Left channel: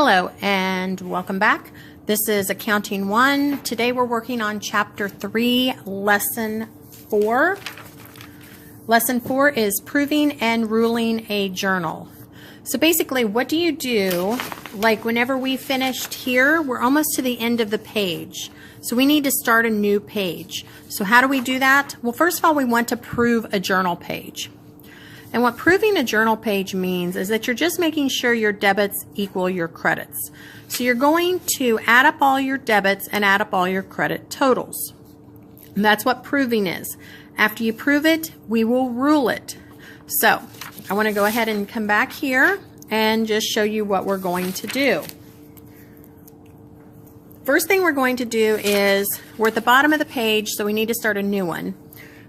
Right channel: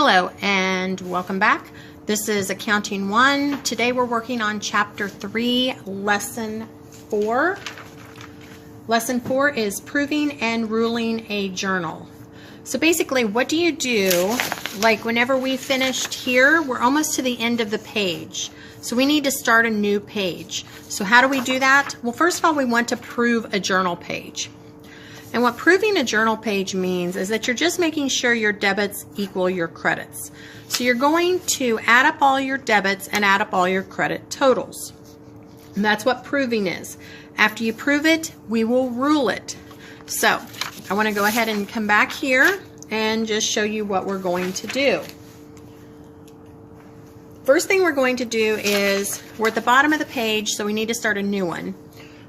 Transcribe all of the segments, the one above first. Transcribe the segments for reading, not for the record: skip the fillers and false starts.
Hello and welcome back. This is Accounting 1. Today we're working on Chapter 3, Lesson 4. Lesson 4 is Proving and Ruling a Journal. So basically, what do you do? Like whenever we finished here, we're almost to the end of the page. So we need to start a new page. So how do we do that? Well, first of all, we want to prove a journal page. And what proving a journal page means is that you're just making sure your debits equal your credits. So you're going to add up all your debits and add up all your credit totals. And that's what proving is. After you prove it, we will rule it. So I want to go ahead and come back here and just show you what we're going to do. First thing we're going to do is, we're at the bottom of the page, so we need to start a new one.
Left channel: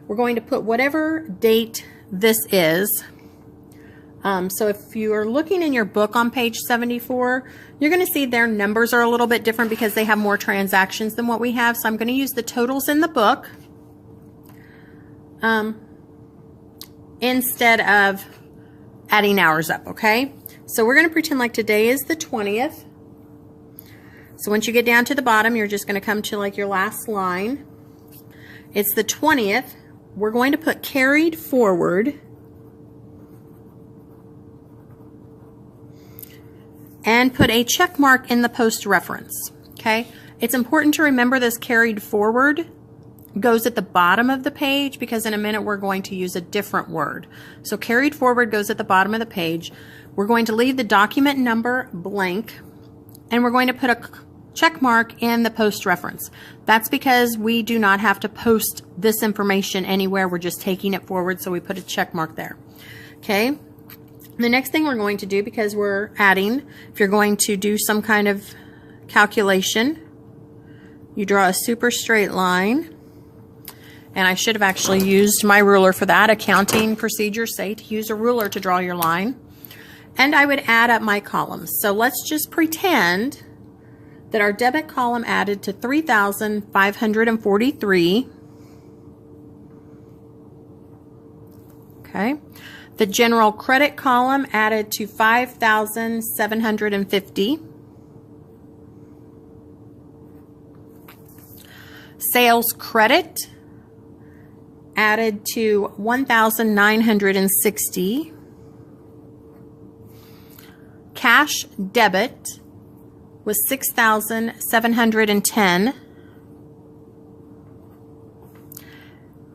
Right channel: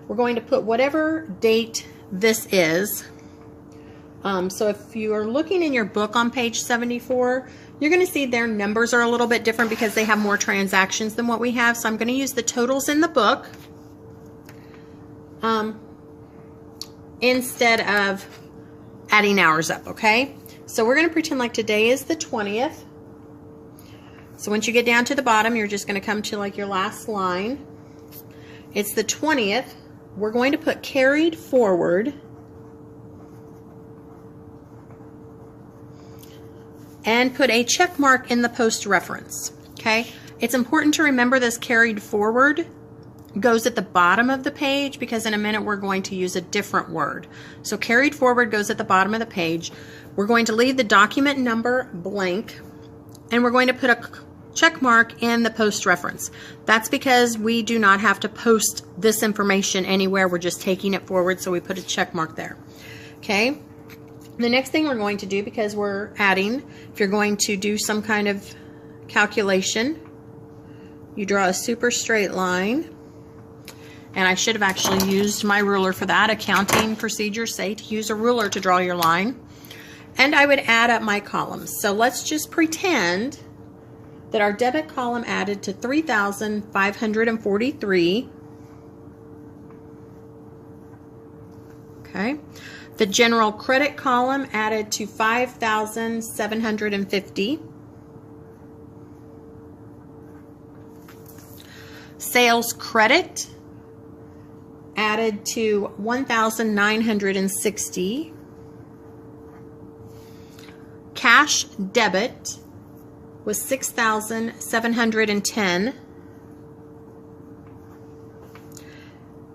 We're going to put whatever date this is. So if you are looking in your book on page 74, you're going to see their numbers are a little bit different because they have more transactions than what we have. So I'm going to use the totals in the book instead of adding hours up, okay? So we're going to pretend like today is the 20th. So once you get down to the bottom, you're just going to come to like your last line. It's the 20th. We're going to put carried forward and put a check mark in the post reference. Okay, it's important to remember this carried forward goes at the bottom of the page because in a minute we're going to use a different word. So carried forward goes at the bottom of the page. We're going to leave the document number blank and we're going to put a check mark in the post reference. That's because we do not have to post this information anywhere. We're just taking it forward, so we put a check mark there. Okay. The next thing we're going to do, because we're adding, if you're going to do some kind of calculation, you draw a super straight line. And I should have actually used my ruler for that. Accounting procedures say to use a ruler to draw your line. And I would add up my columns. So let's just pretend that our debit column added to 3,543. Okay. The general credit column added to 5,750. Sales credit added to 1,960. Cash debit was 6,710,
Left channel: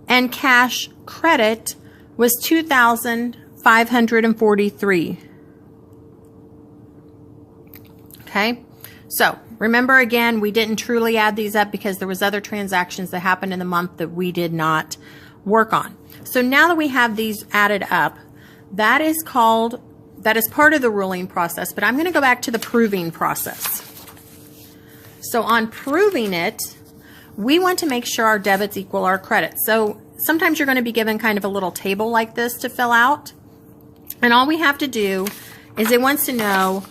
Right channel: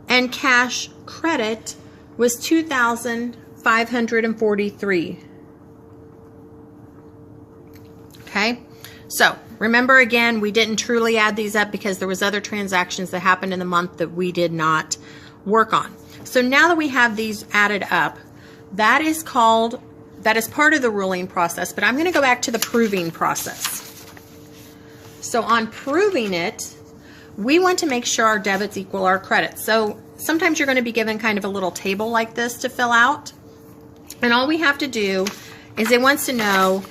and cash credit was 2,543. Okay, so remember again, we didn't truly add these up because there was other transactions that happened in the month that we did not work on. So now that we have these added up, that is part of the ruling process, but I'm going to go back to the proving process. So on proving it, we want to make sure our debits equal our credits. So sometimes you're going to be given kind of a little table like this to fill out. And all we have to do is it wants to know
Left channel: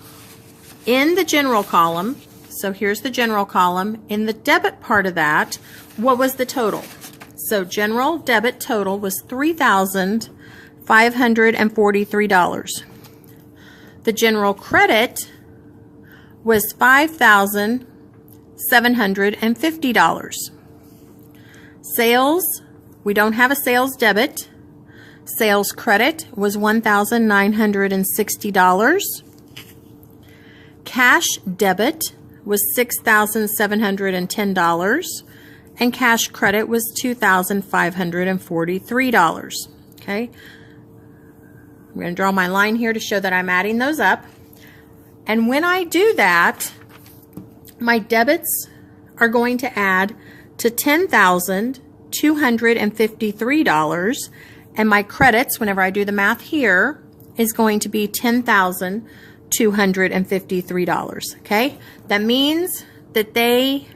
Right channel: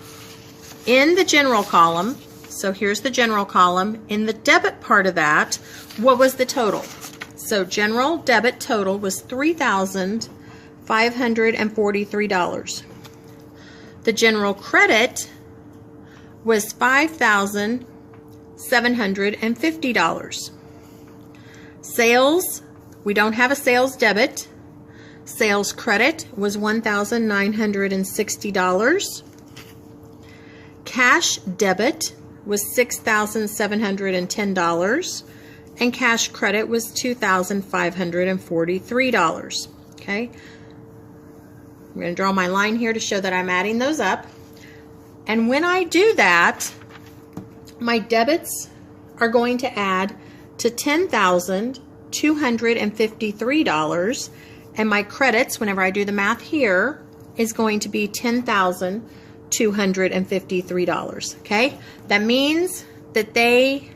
in the general column, so here's the general column, in the debit part of that, what was the total? So general debit total was $3,543. The general credit was $5,750. Sales, we don't have a sales debit. Sales credit was $1,960. Cash debit was $6,710. And cash credit was $2,543. Okay. I'm going to draw my line here to show that I'm adding those up. And when I do that, my debits are going to add to $10,253, and my credits, whenever I do the math here, is going to be $10,253. Okay? That means that they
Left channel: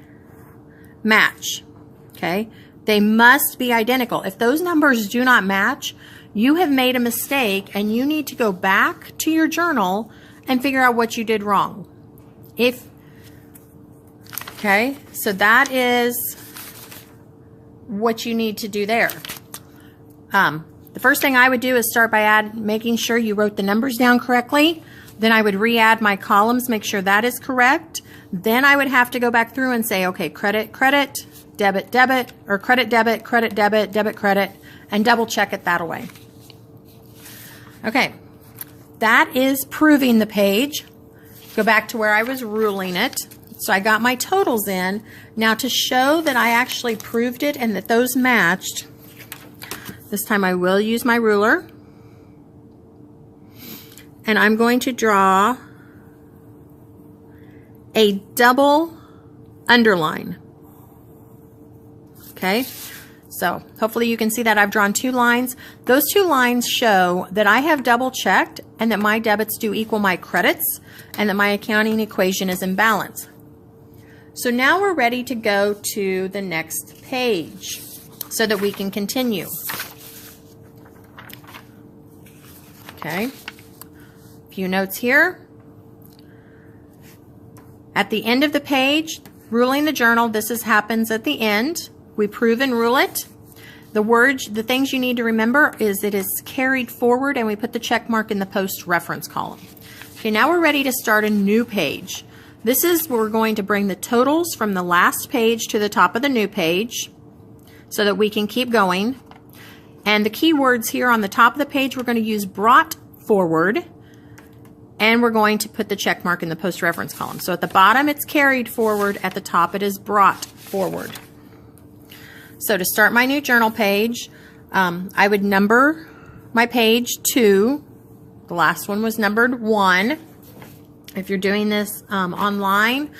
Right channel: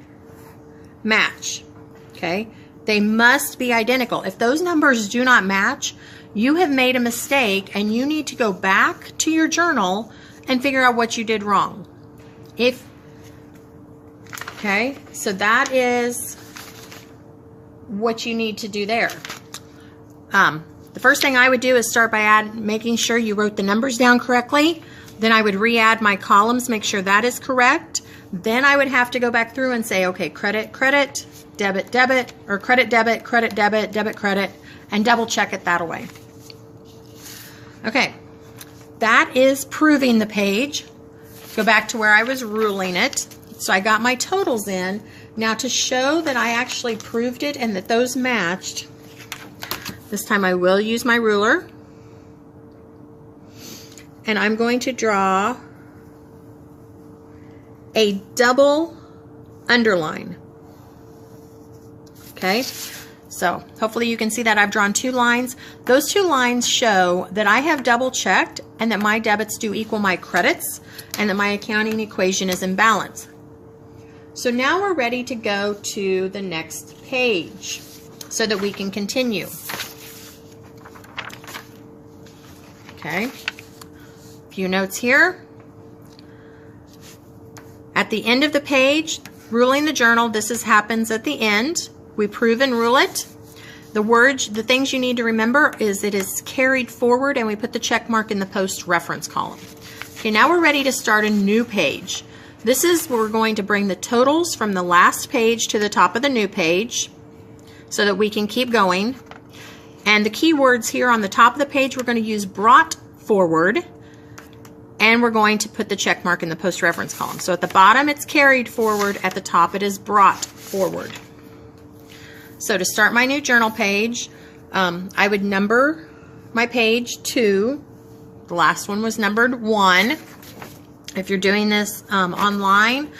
match. Okay? They must be identical. If those numbers do not match, you have made a mistake and you need to go back to your journal and figure out what you did wrong. Okay, so that is what you need to do there. The first thing I would do is start by making sure you wrote the numbers down correctly. Then I would re-add my columns, make sure that is correct. Then I would have to go back through and say, okay, credit, credit, debit, debit, or credit, debit, debit, credit, and double check it that way. Okay, that is proving the page. Go back to where I was ruling it. So I got my totals in. Now to show that I actually proved it and that those matched, this time I will use my ruler. And I'm going to draw a double underline. Okay, so hopefully you can see that I've drawn 2 lines. Those 2 lines show that I have double checked and that my debits do equal my credits and that my accounting equation is in balance. So now we're ready to go to the next page so that we can continue. Okay, a few notes here. At the end of the page, ruling the journal, this happens at the end. We prove and rule it. The things you need to remember is it is carried forward and we put the check mark in the post reference column. Okay, now we're ready to start a new page. This is where we're going to bring the totals from the last page to the top of the new page so that we can keep going. And the keywords here on the top of the page, we're going to use brought forward, and we're going to put the check mark in the post reference column. So at the bottom it's carried forward, at the top it is brought forward. So to start my new journal page, I would number my page 2. The last one was numbered 1. If you're doing this online,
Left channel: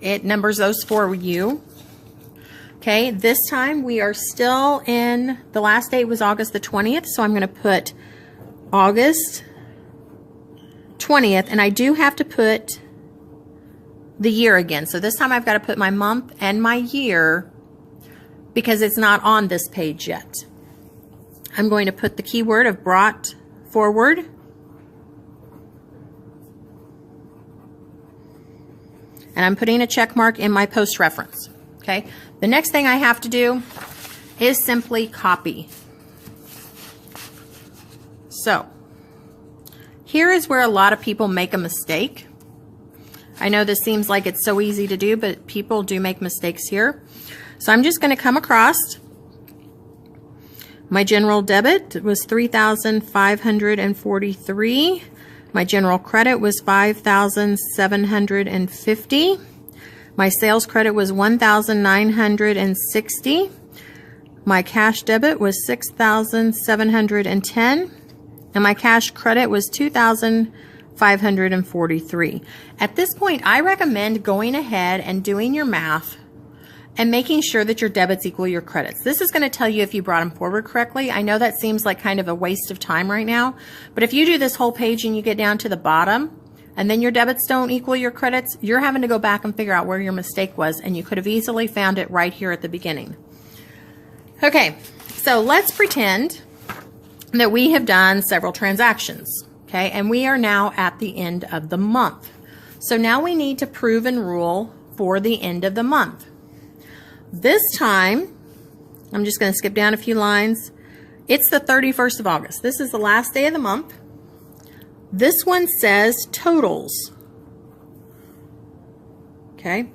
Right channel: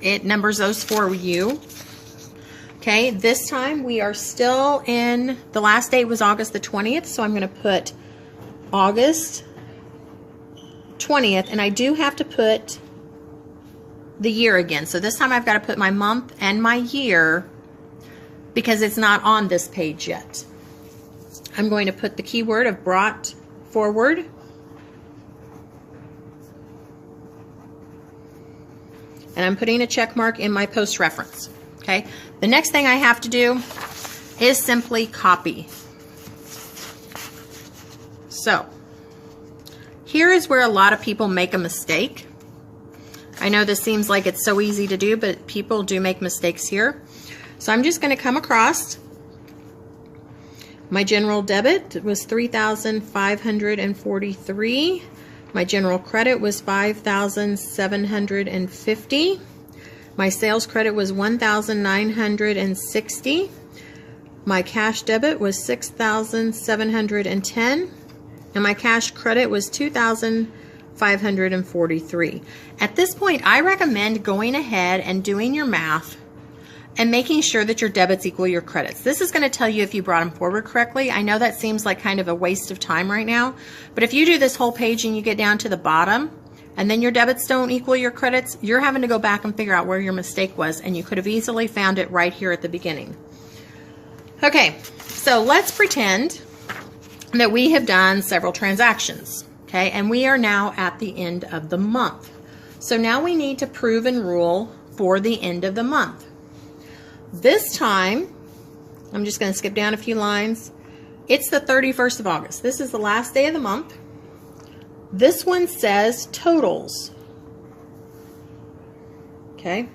it numbers those for you. Okay, this time we are still in, the last date was August the 20th, so I'm going to put August 20th, and I do have to put the year again. So this time I've got to put my month and my year because it's not on this page yet. I'm going to put the keyword of brought forward. And I'm putting a check mark in my post reference. Okay. The next thing I have to do is simply copy. So here is where a lot of people make a mistake. I know this seems like it's so easy to do, but people do make mistakes here. So I'm just going to come across my general debit was $3,543. My general credit was $5,750. My sales credit was $1,960. My cash debit was $6,710. And my cash credit was $2,543. At this point, I recommend going ahead and doing your math and making sure that your debits equal your credits. This is going to tell you if you brought them forward correctly. I know that seems like kind of a waste of time right now, but if you do this whole page and you get down to the bottom and then your debits don't equal your credits, you're having to go back and figure out where your mistake was, and you could have easily found it right here at the beginning. Okay, so let's pretend that we have done several transactions, okay, and we are now at the end of the month. So now we need to prove and rule for the end of the month. This time, I'm just going to skip down a few lines. It's the 31st of August. This is the last day of the month. This one says totals. Okay.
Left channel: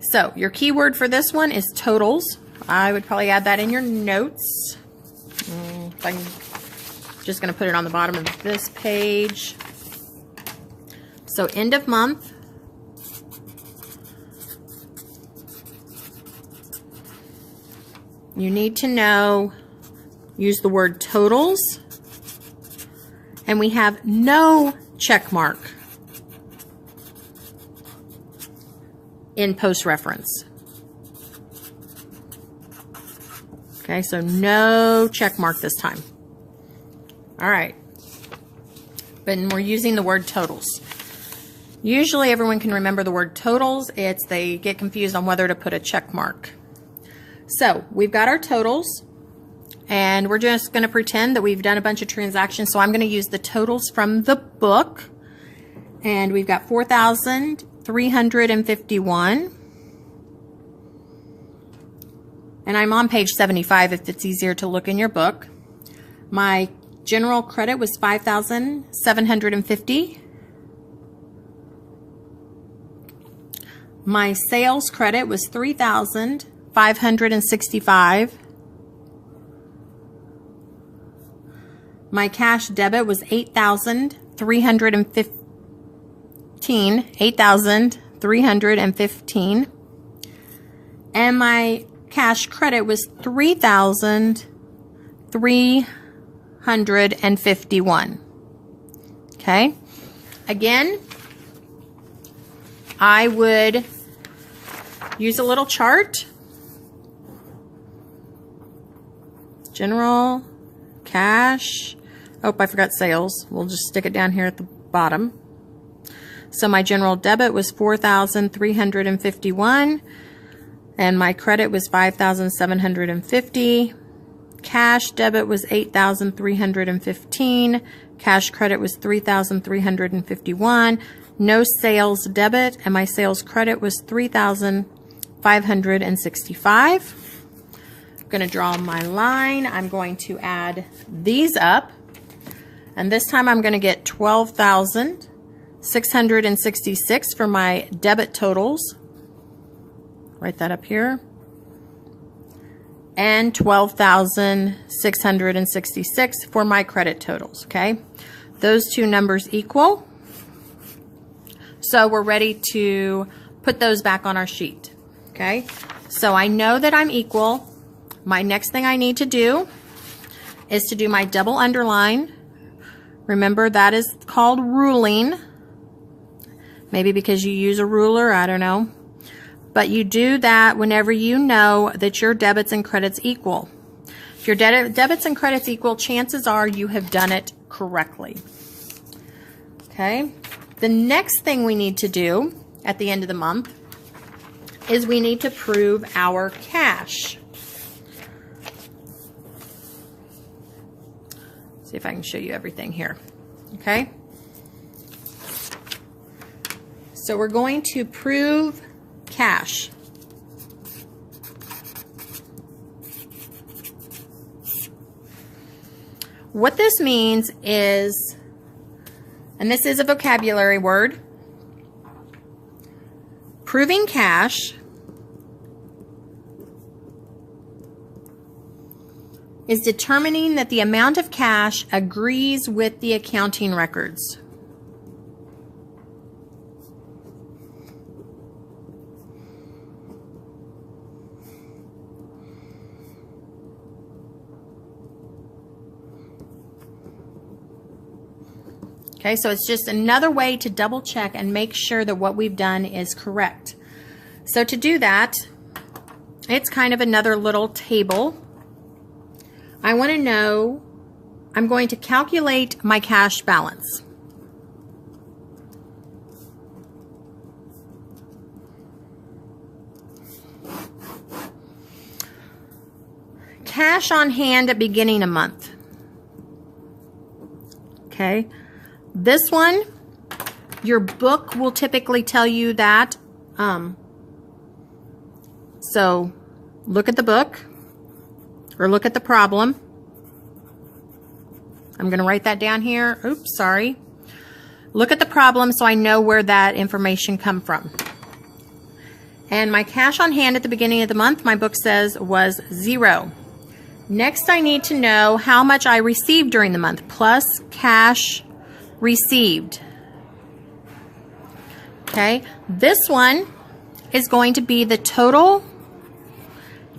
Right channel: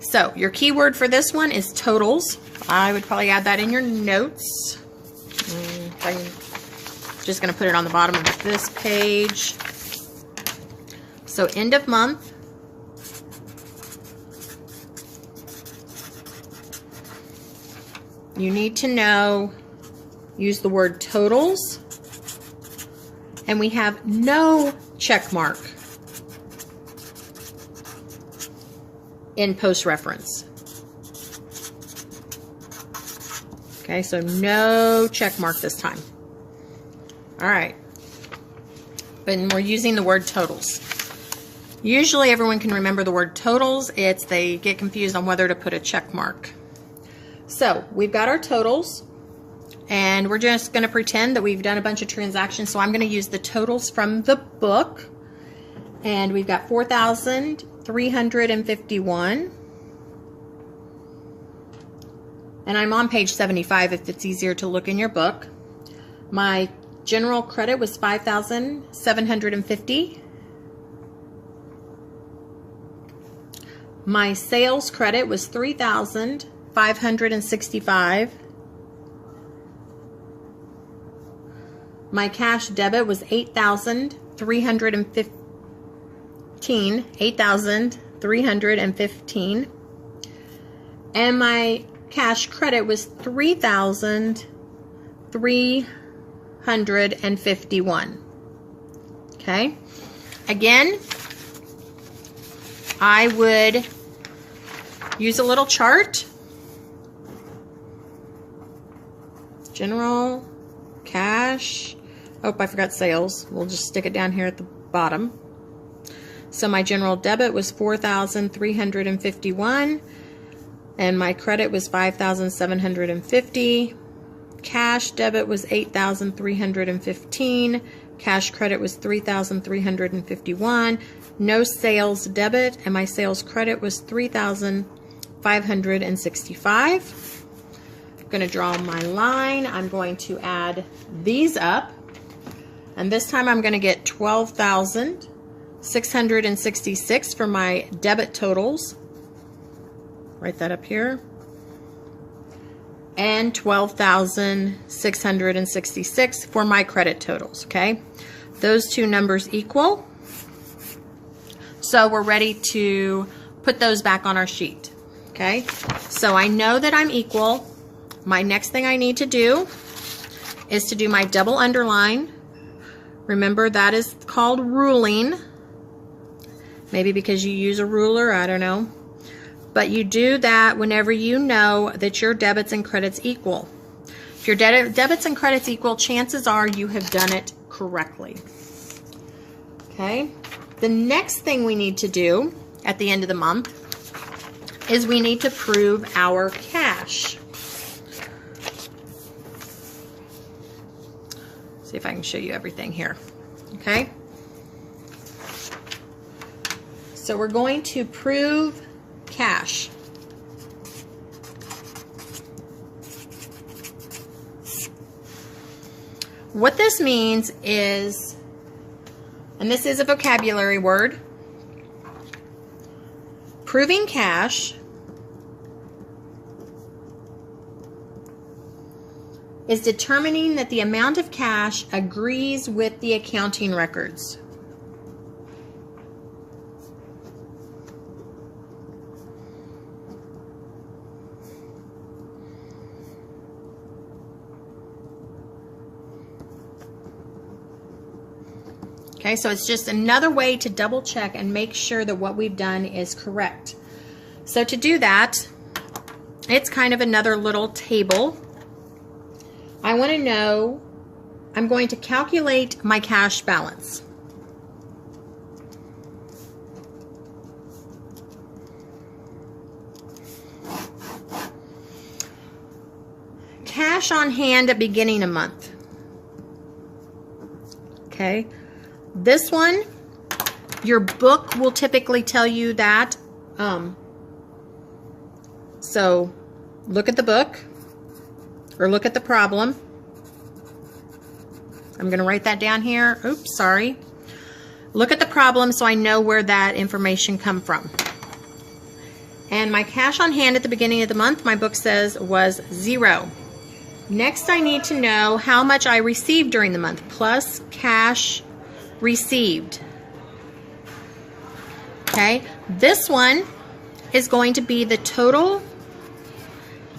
So your keyword for this one is totals. I would probably add that in your notes. I'm just going to put it on the bottom of this page. So end of month. You need to know, use the word totals, and we have no check mark in post reference. Okay, so no check mark this time. All right, but we're using the word totals. Usually everyone can remember the word totals. They get confused on whether to put a check mark. So we've got our totals, and we're just going to pretend that we've done a bunch of transactions. So I'm going to use the totals from the book, and we've got 4,351, and I'm on page 75 if it's easier to look in your book. My general credit was 5,750. My sales credit was $3,565. My cash debit was $8,315. And my cash credit was $3,351. Okay. Again, I would use a little chart. General, cash. Oh, I forgot sales. We'll just stick it down here at the bottom. So my general debit was $4,351, and my credit was $5,750. Cash debit was $8,315. Cash credit was $3,351. No sales debit, and my sales credit was $3,565. I'm going to draw my line. I'm going to add these up, and this time I'm going to get 12,666 for my debit totals. Write that up here. And 12,666 for my credit totals, okay? Those two numbers equal. So we're ready to put those back on our sheet, okay? So I know that I'm equal. My next thing I need to do is to do my double underline. Remember, that is called ruling. Maybe because you use a ruler, I don't know. But you do that whenever you know that your debits and credits equal. If your debits and credits equal, chances are you have done it correctly. Okay? The next thing we need to do at the end of the month is we need to prove our cash. See if I can show you everything here. Okay? So we're going to prove cash. What this means is, and this is a vocabulary word, proving cash is determining that the amount of cash agrees with the accounting records. Okay, so it's just another way to double check and make sure that what we've done is correct. So to do that, it's kind of another little table. I want to know, I'm going to calculate my cash balance. Cash on hand at beginning of month. Okay. This one, your book will typically tell you that. So look at the book or look at the problem. I'm going to write that down here. Oops, sorry. Look at the problem so I know where that information come from. And my cash on hand at the beginning of the month, my book says, was 0. Next, I need to know how much I received during the month, plus cash received. Okay, this one is going to be the total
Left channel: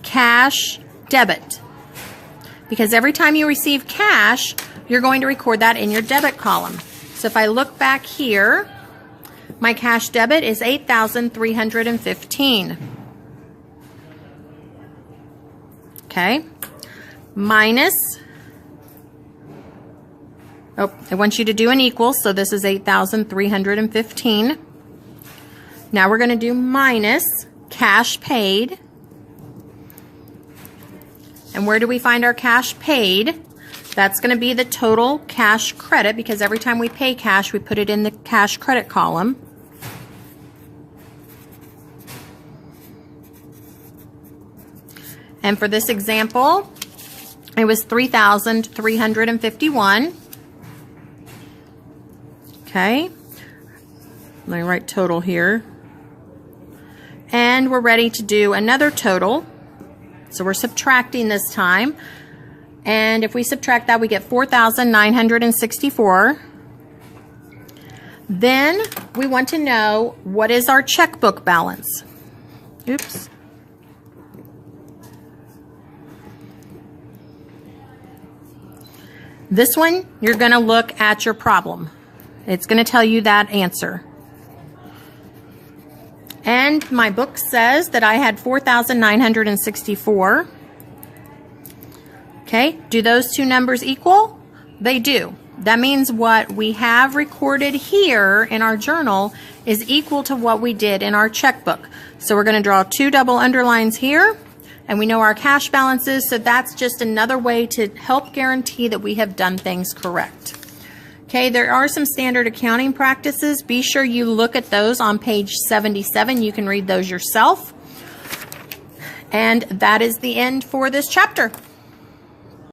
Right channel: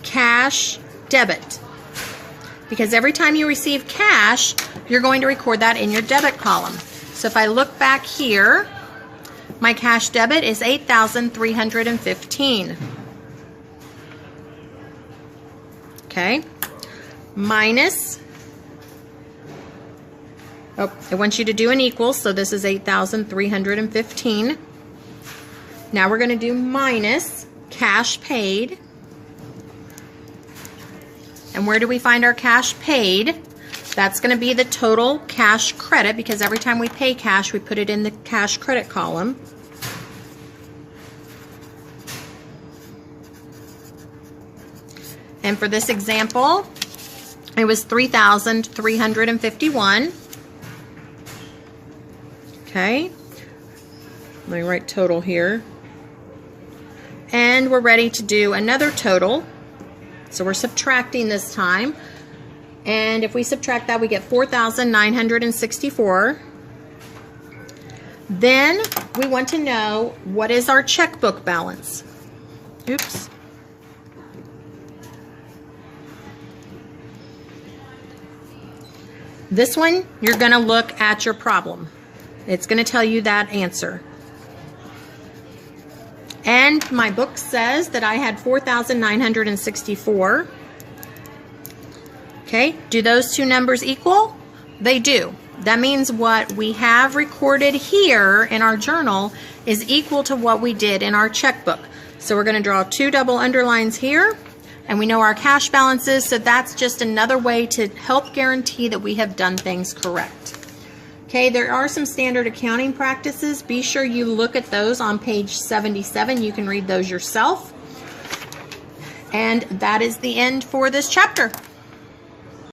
cash debit, because every time you receive cash, you're going to record that in your debit column. So if I look back here, my cash debit is $8,315. Okay, minus, oh, I want you to do an equal, so this is 8,315. Now we're going to do minus cash paid. And where do we find our cash paid? That's going to be the total cash credit, because every time we pay cash, we put it in the cash credit column. And for this example, it was $3,351. Okay, let me write total here. And we're ready to do another total. So we're subtracting this time. And if we subtract that, we get 4,964. Then we want to know, what is our checkbook balance? Oops. This one, you're going to look at your problem. It's going to tell you that answer. And my book says that I had 4,964. Okay, do those two numbers equal? They do. That means what we have recorded here in our journal is equal to what we did in our checkbook. So we're going to draw 2 double underlines here, and we know our cash balances, so that's just another way to help guarantee that we have done things correct. Okay, there are some standard accounting practices. Be sure you look at those on page 77. You can read those yourself. And that is the end for this chapter.